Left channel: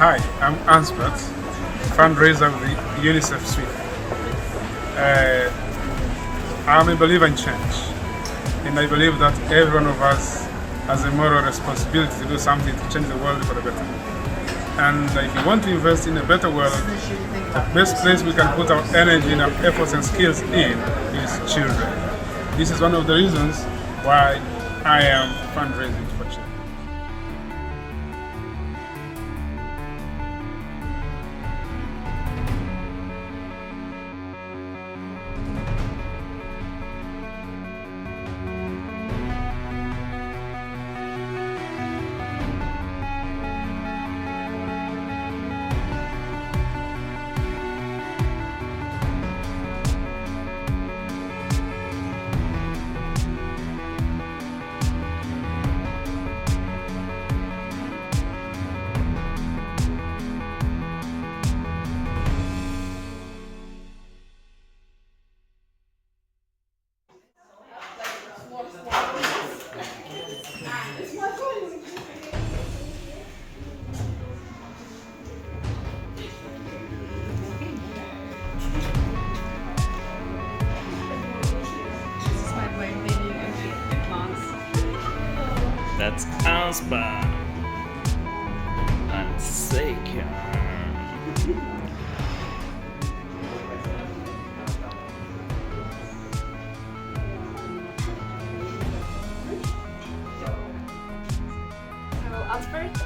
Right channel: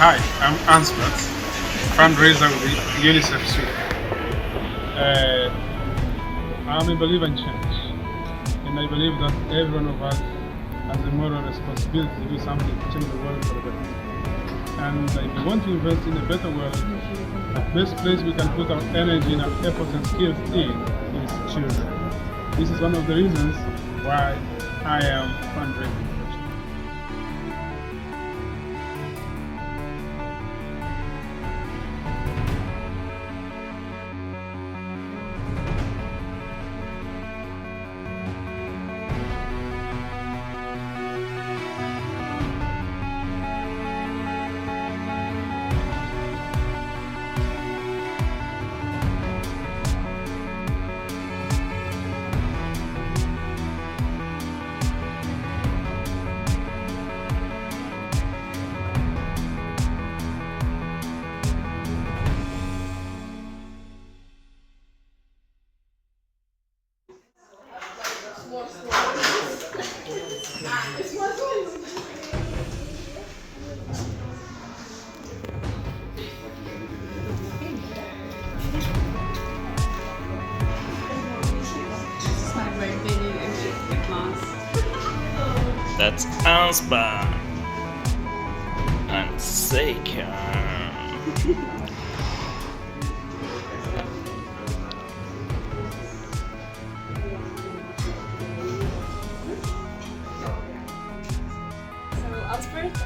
Hi, I'm Ansbert, fundraiser with the UNICEF Sweden. I'm a believer in change, and I believe that every one of us has a moral responsibility to do something to change the world for the better. And if you want to invest in a better world, the best place we can put our energy and our efforts and skills in is children. This is one of the reasons why I am fundraising for children. That's Ansbert and Seika.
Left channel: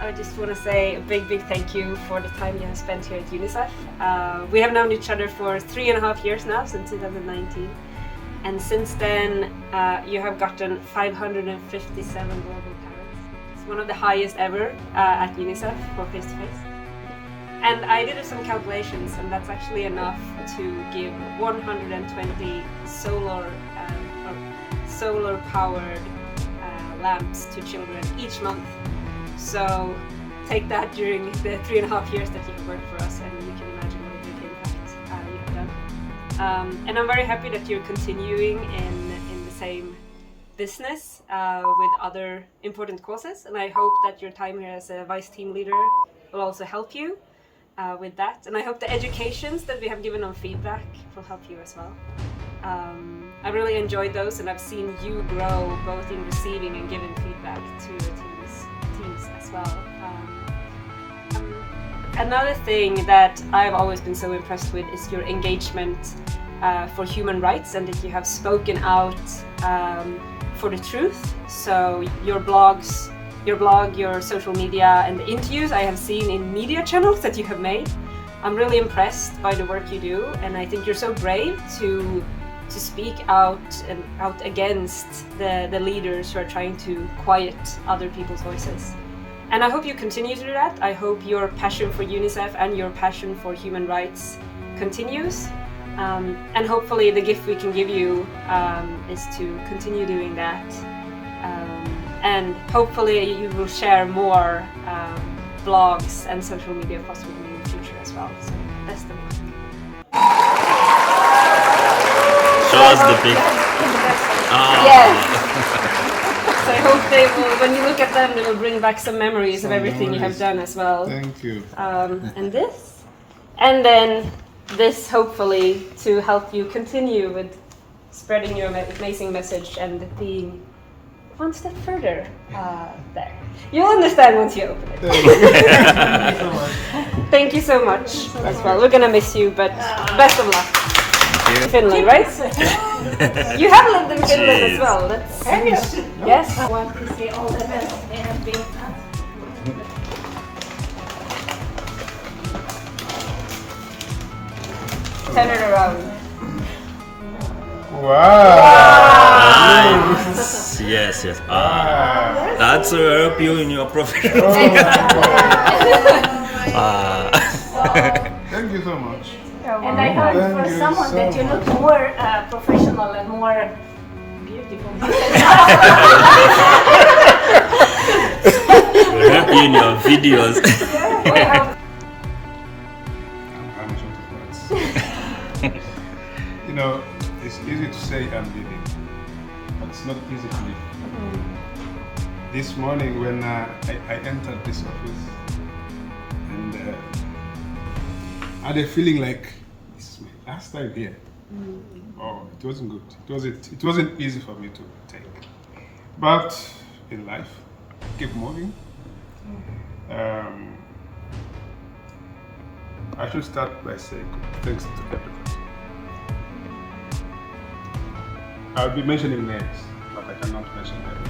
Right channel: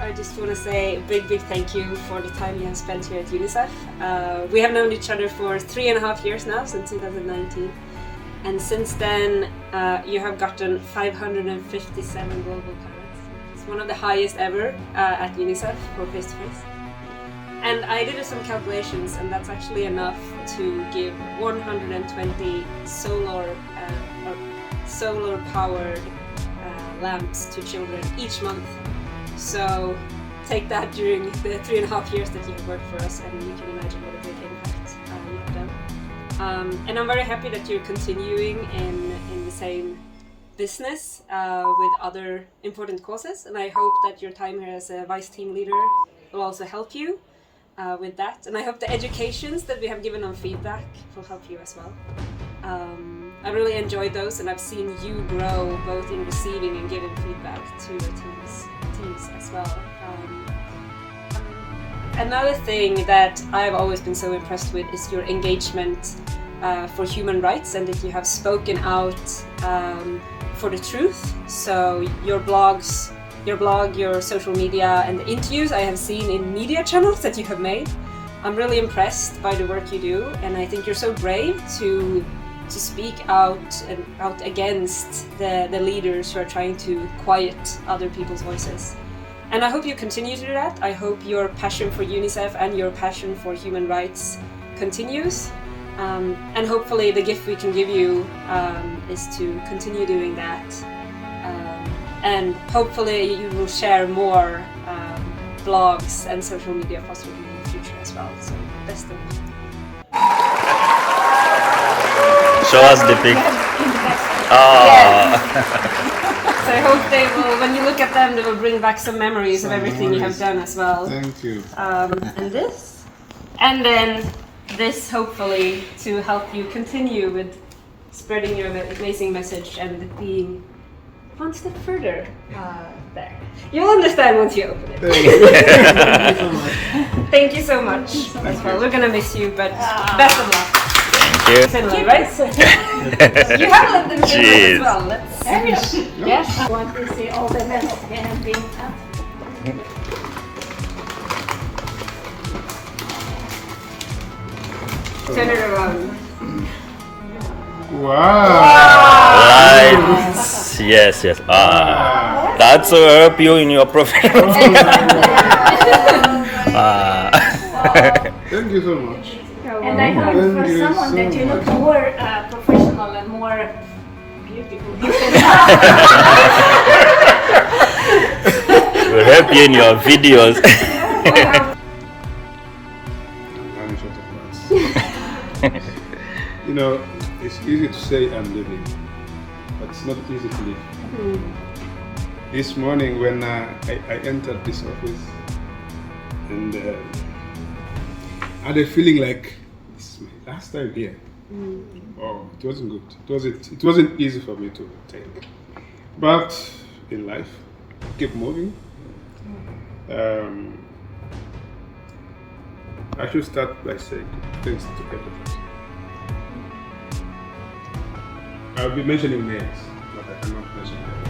I just want to say a big thank you for the time you have spent here at UNICEF. We have known each other for 3.5 years now, since 2019. And since then, you have gotten 557 global parents. It's one of the highest ever at UNICEF for face-to-face. And I did some calculations, and that's actually enough to give 120 solar-powered lamps to children each month. So take that during the 3.5 years that you've worked for us, and you can imagine what a great impact you have done. And I'm very happy that you're continuing in the same business with other important causes, and I hope that your time here as a vice team leader will also help you with that. And I hope the educations that we have given on feedback will help you as well. I really enjoyed those, and I've seen you grow both in receiving and giving feedback to your teams as well. Another thing that I've always been so impressed with is your engagement for human rights, and that you have spoken out for the truth. So your blog, your social media, and interviews I have seen in media channels that you have made. I'm really impressed by the work you do, and I think you're so brave to speak out against the leaders who are trying to quiet other people's voices. And I hope you continue to do that. I hope your passion for UNICEF and your passion for human rights continues. And hopefully the gift we can give you is to continue doing that. And hopefully you will share more blogs and social media posts with me in the future as well. So best of luck. Show us the pic. Yes. So I hope they will, when you look at them, they will bring back some memories of everything you have done as well. Thank you. And this. And then this, hopefully, to help you continue with spreading your amazing message and being one step further there. You'll understand once you open it. Thank you so much as well. We're gonna miss you, but best of luck. Thank you. Finland, right? You have lived in Finland as well. Yes. I want to see all the men that have been. Turn it around. Wow! Nice. Yes. That's help you in your profession. Thank you so much. And I heard for someone that you look more professional and more beautiful. We'll help you in your videos. I'm short of words. You know, it's easy to say I'm living, but it's not easy to live. This morning when I entered this office, and I had a feeling like it's my last time here. Oh, it wasn't good. It wasn't easy for me to take. But in life, keep moving. I should start by saying thanks to everybody. I'll be mentioning names, but I cannot mention names.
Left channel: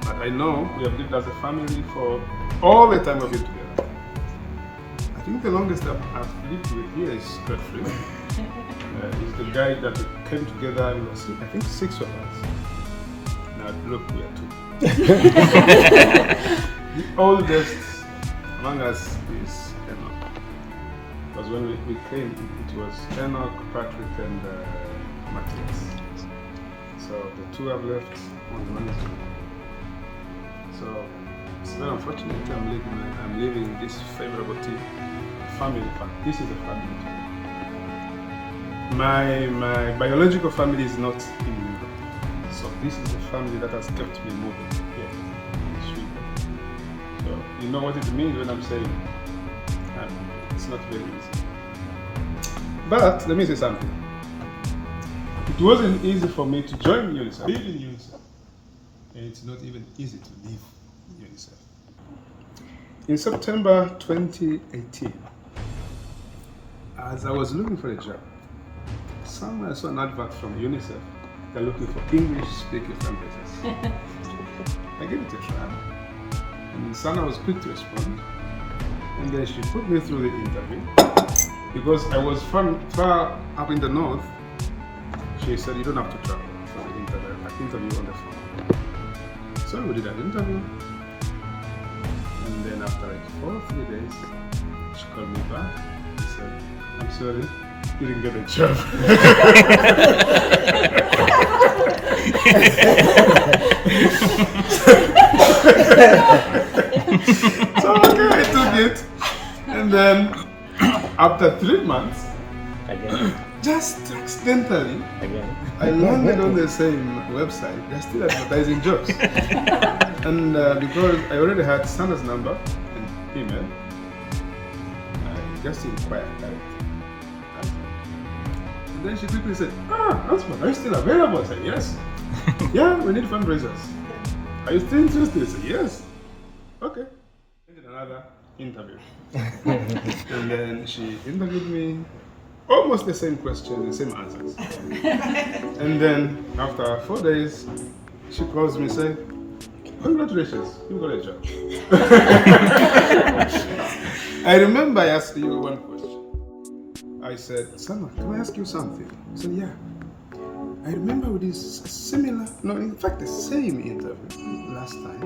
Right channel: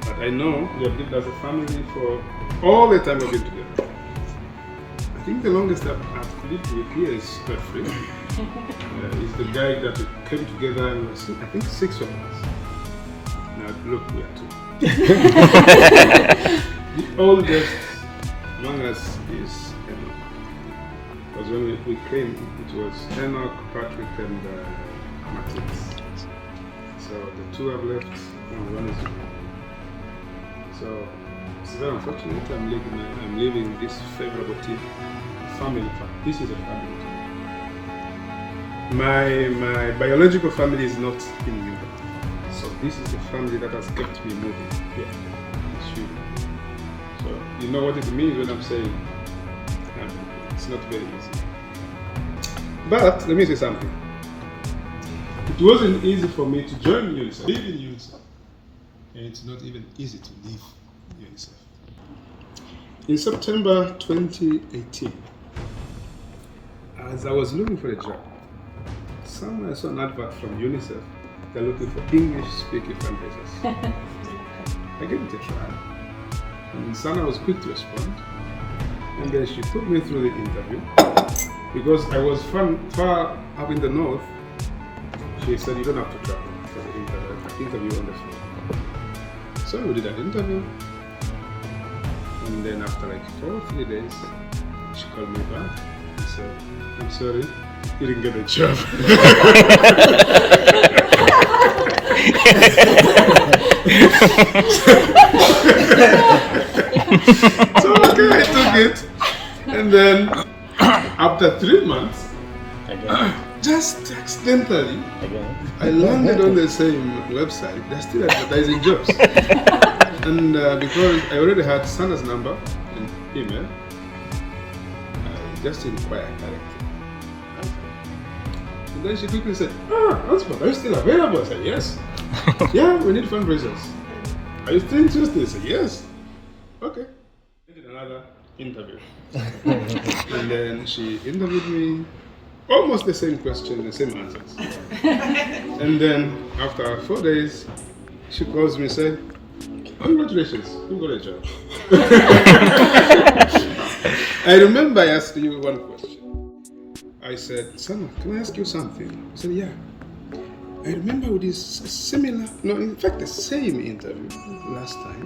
But I know we have lived as a family for all the time we've been together. I think the longest I've lived with here is Godfrey. He's the guy that we came together, I think 6 of us. Now look here too. The oldest among us is Enoch. Because when we came, it was Enoch, Patrick, and Matthias. So the 2 have left, only 1 is gone. So it's very unfortunate. I'm leaving this favorable team, family. This is a family team. My biological family is not in Europe, so this is the family that has kept me moving here in Sweden. So you know what it means when I'm saying it's not very easy. But let me say something. It wasn't easy for me to join UNICEF, live in UNICEF, and it's not even easy to leave UNICEF. In September 2018, as I was looking for a job, somewhere I saw an advert from UNICEF. They're looking for English-speaking fundraisers. I gave it a try, and Sana was quick to respond. And then she put me through the interview. Because I was far up in the north, she said you don't have to travel for the interview on the phone. So we did an interview, and then after like 4 or 3 days, she called me back and said, I'm sorry, you didn't get a job. So okay, I took it, and then after 3 months, just accidentally, I landed on the same website. They're still advertising jobs. And because I already had Sana's number in email, I just inquired directly. And then she quickly said, Osman, are you still available? I said, yes. Yeah, we need fundraisers. Are you still interested? I said, yes. Okay. We did another interview. And then she interviewed me, almost the same question, the same answers. And then after 4 days, she calls me and says, congratulations, you got a job. I remember I asked you one question. I said, Sana, can I ask you something? I said, yeah. I remember with this similar, no, in fact, the same interview last time,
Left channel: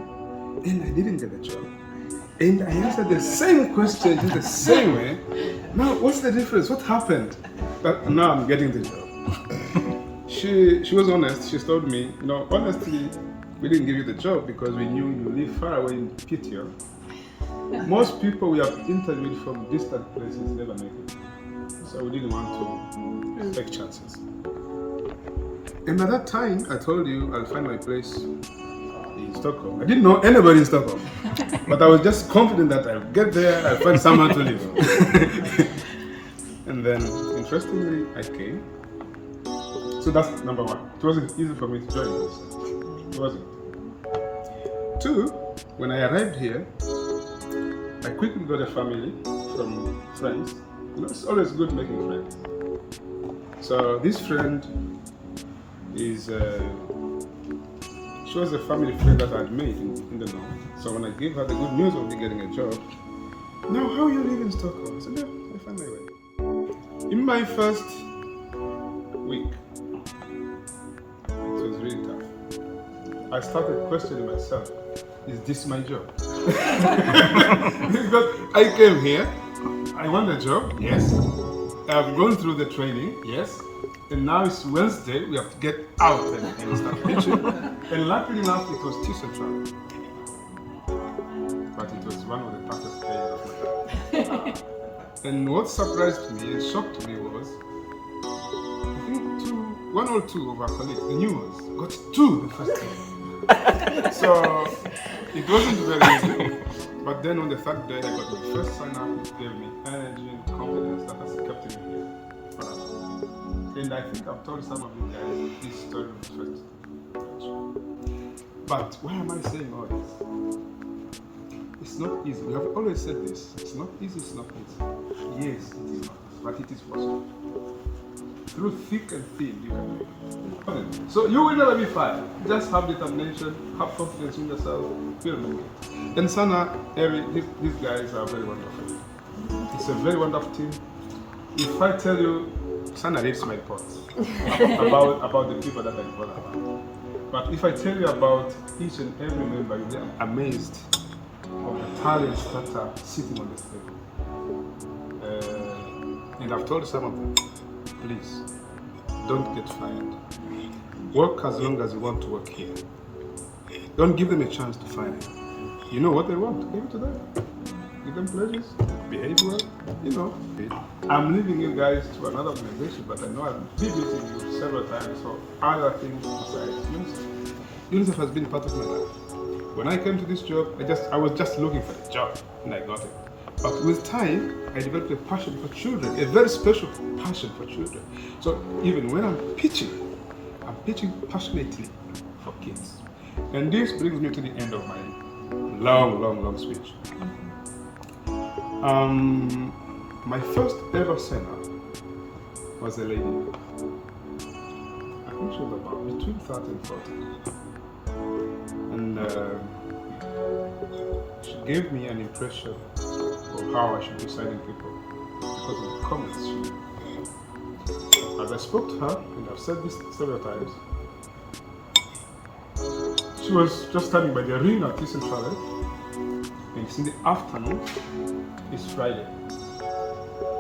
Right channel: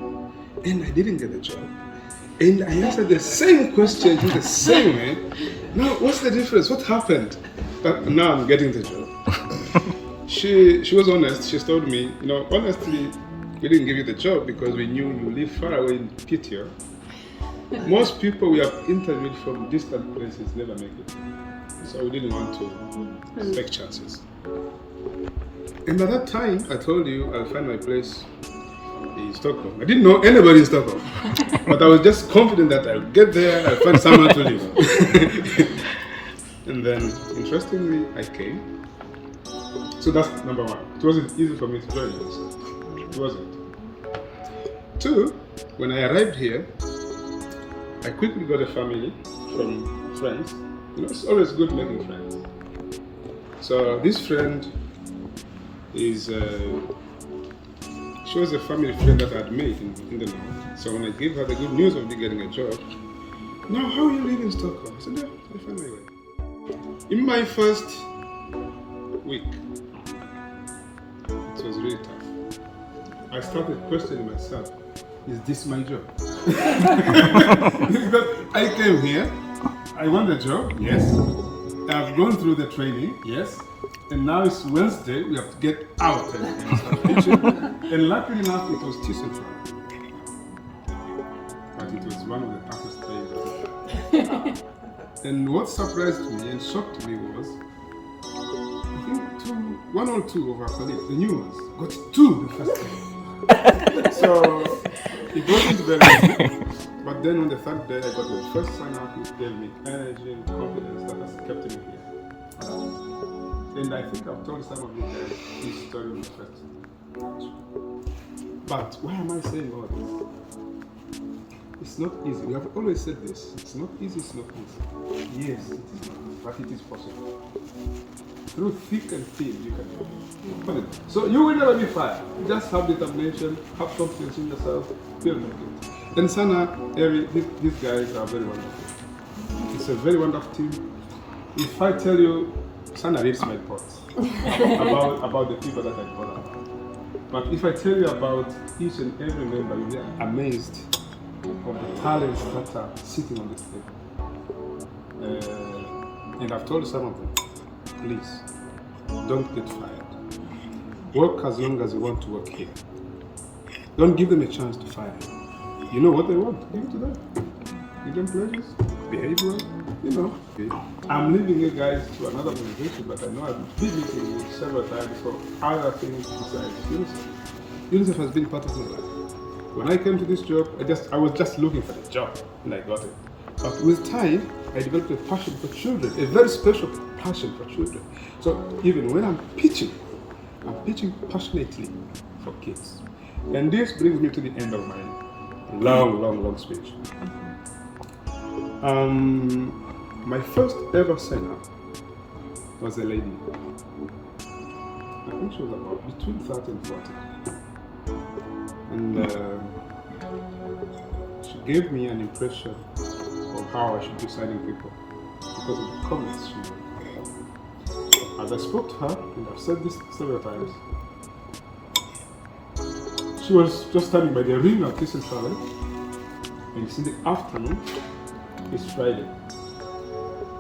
and I didn't get a job. And I answered the same question in the same way. Now, what's the difference? What happened? Now I'm getting the job. She was honest. She told me, honestly, we didn't give you the job because we knew you live far away in Pitio. Most people we have interviewed from distant places never make it. So we didn't want to take chances. And at that time, I told you I'll find my place in Stockholm. I didn't know anybody in Stockholm, but I was just confident that I'll get there, I'll find someone to live. And then, interestingly, I came. So that's number 1. It wasn't easy for me to join this. It wasn't. 2, when I arrived here, I quickly got a family from friends. It's always good making friends. So this friend is, she was a family friend that I'd made in the north. So when I gave her the good news of me getting a job, no, how are you living in Stockholm? I said, no, I'll find my way. In my first week, it was really tough. I started questioning myself, is this my job? Because I came here, I want the job, yes. I've gone through the training, yes. And now it's Wednesday, we have to get out and start teaching. And luckily enough, it was too central. But it was one of the toughest days of my life. And what surprised me and shocked me was, I think 1 or 2 of our colleagues, the new ones, got 2 the first day. So it wasn't very easy. But then on the third day, I got my first sign up, which gave me energy and confidence that has kept me here. And I think I've told some of you guys this story with friends. But why am I saying all this? It's not easy. We have always said this. It's not easy, it's not easy. Yes, it is not easy, but it is possible. Through thick and thin, you can do it. So you will never be fired. Just have determination, have confidence in yourself, feel it. And Sana, Eri, these guys are very wonderful. It's a very wonderful team. If I tell you, Sana reads my reports about the people that I brought about. But if I tell you about each and every member, you'll be amazed of the talents that are sitting on this table. And I've told some of them, please, don't get fired. Work as long as you want to work here. Don't give them a chance to fire you. You know what they want, give it to them. Give them pleasures, behave well, you know. I'm leaving you guys to another organization, but I know I've been meeting you several times, so other things besides UNICEF. UNICEF has been part of my life. When I came to this job, I was just looking for a job, and I got it. But with time, I developed a passion for children, a very special passion for children. So even when I'm pitching passionately for kids. And this brings me to the end of my long speech. My first ever sign-up was a lady. I think she was about between 30 and 40. And she gave me an impression of how I should be signing people because of the comments she made. As I spoke to her, and I've said this several times, she was just standing by the ring at Christian Travel, and it's in the afternoon, it's Friday.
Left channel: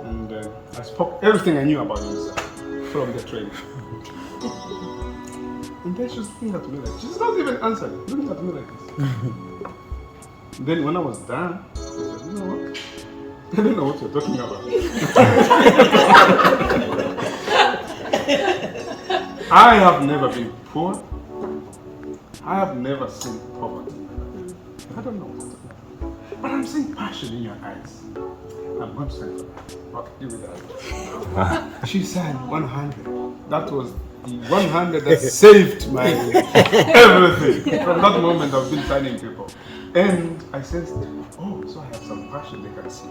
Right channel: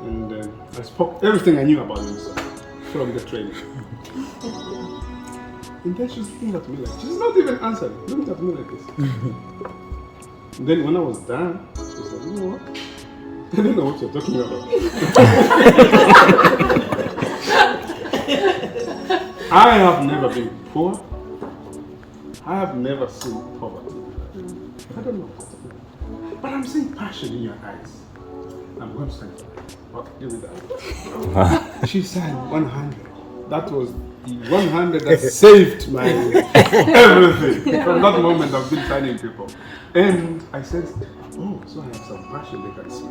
And I spoke everything I knew about UNICEF from the train. And then she was looking at me like, she's not even answering, looking at me like this. And then when I was done, I said, you know what? I don't know what you're talking about. I have never been poor. I have never seen poverty. I don't know what. But I'm seeing passion in your eyes. I'm going to sign for that. What to do with that? She signed 100. That was the 100 that saved my everything. From that moment, I've been signing people. And I said, oh, so I have some passion they can see.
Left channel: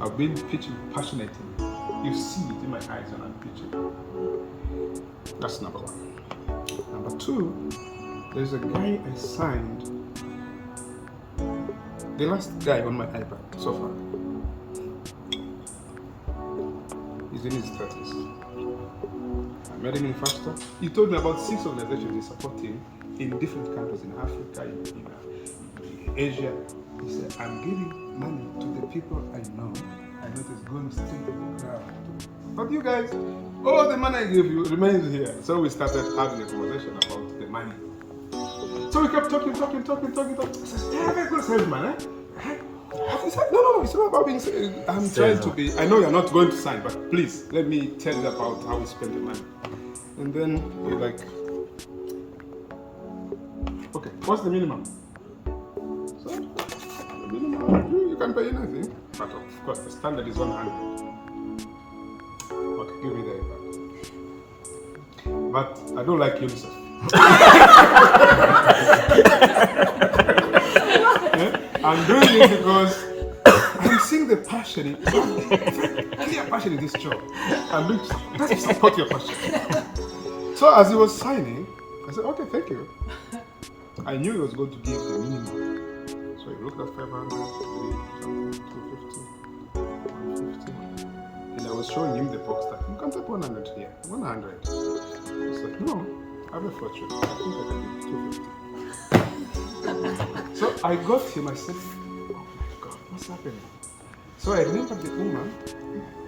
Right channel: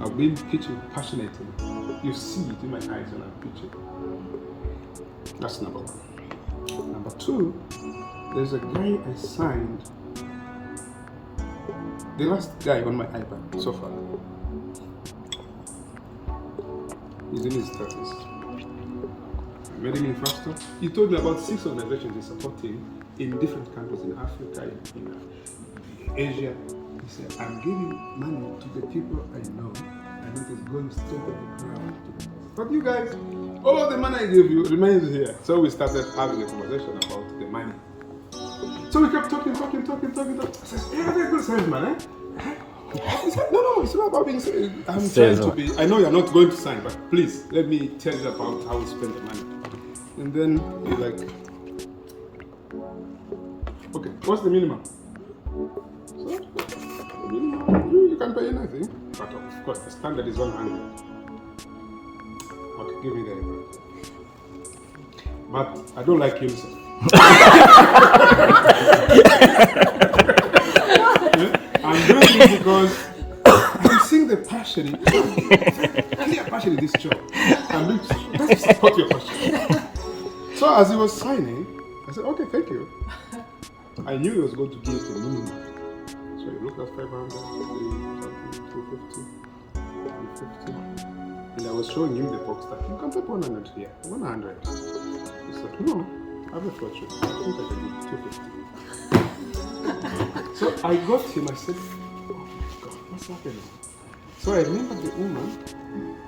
I've been pitching passionately. You see it in my eyes when I'm pitching. That's number one. Number two, there's a guy I signed, the last guy on my iPad so far. He's in his 30s. I met him in Fasta. He told me about 6 organizations he supporting in different countries, in Africa, in Asia. He said, I'm giving money to the people I know it's going straight to the ground. But you guys, all the money I give you remains here. So we started having a conversation about the money. So we kept talking. I said, yeah, very good salesman, eh? He said, no, it's not about being I'm trying to be, I know you're not going to sign, but please, let me tell you about how we spend the money. And then he's like, okay, what's the minimum? So, the minimum, you can pay anything, but of course, the standard is 100. Okay, give me that. But I don't like UNICEF. I'm doing it because I'm seeing the passion, clear passion in this job. Let's support your passion. So as he was signing, I said, okay, thank you. I knew he was going to give the minimum. So he looked at 500, 250, 150. And I was showing him the box that you can take 100 here, 100. He said, no, I have a fortune. I think I can give 250. So I got him, I said, oh my God, what's happening? So I remembered the woman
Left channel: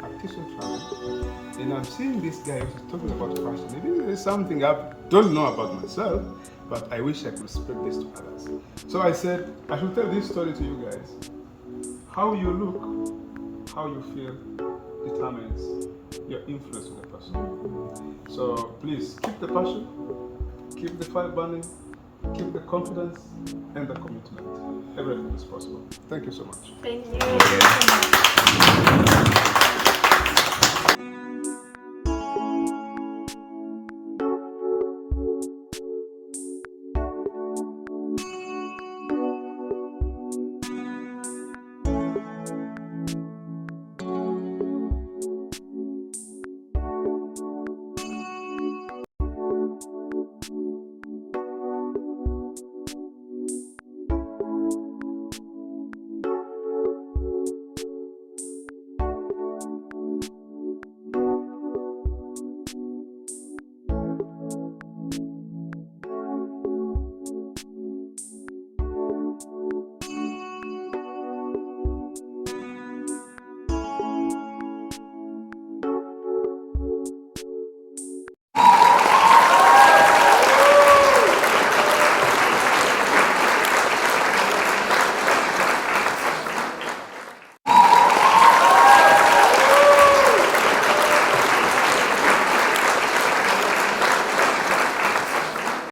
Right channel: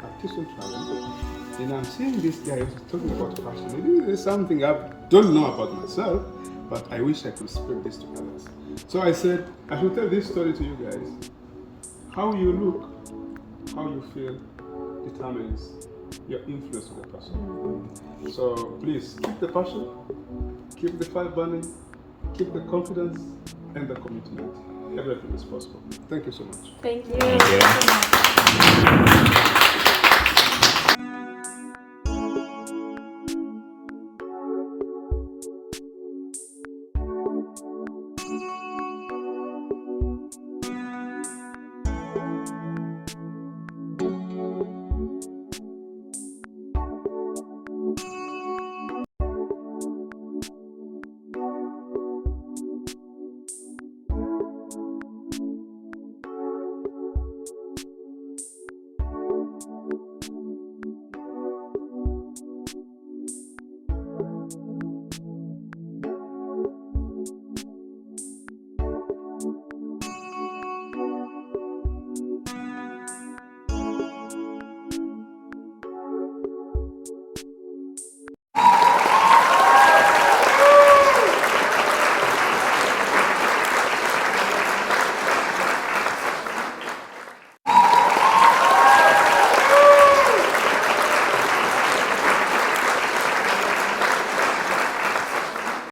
at Christian Travel, and I'm seeing this guy talking about passion. Maybe this is something I don't know about myself, but I wish I could spread this to others. So I said, I should tell this story to you guys. How you look, how you feel, determines your influence with the person. So please, keep the passion, keep the fire burning, keep the confidence and the commitment. everything is possible. Thank you so much. Thank you so much.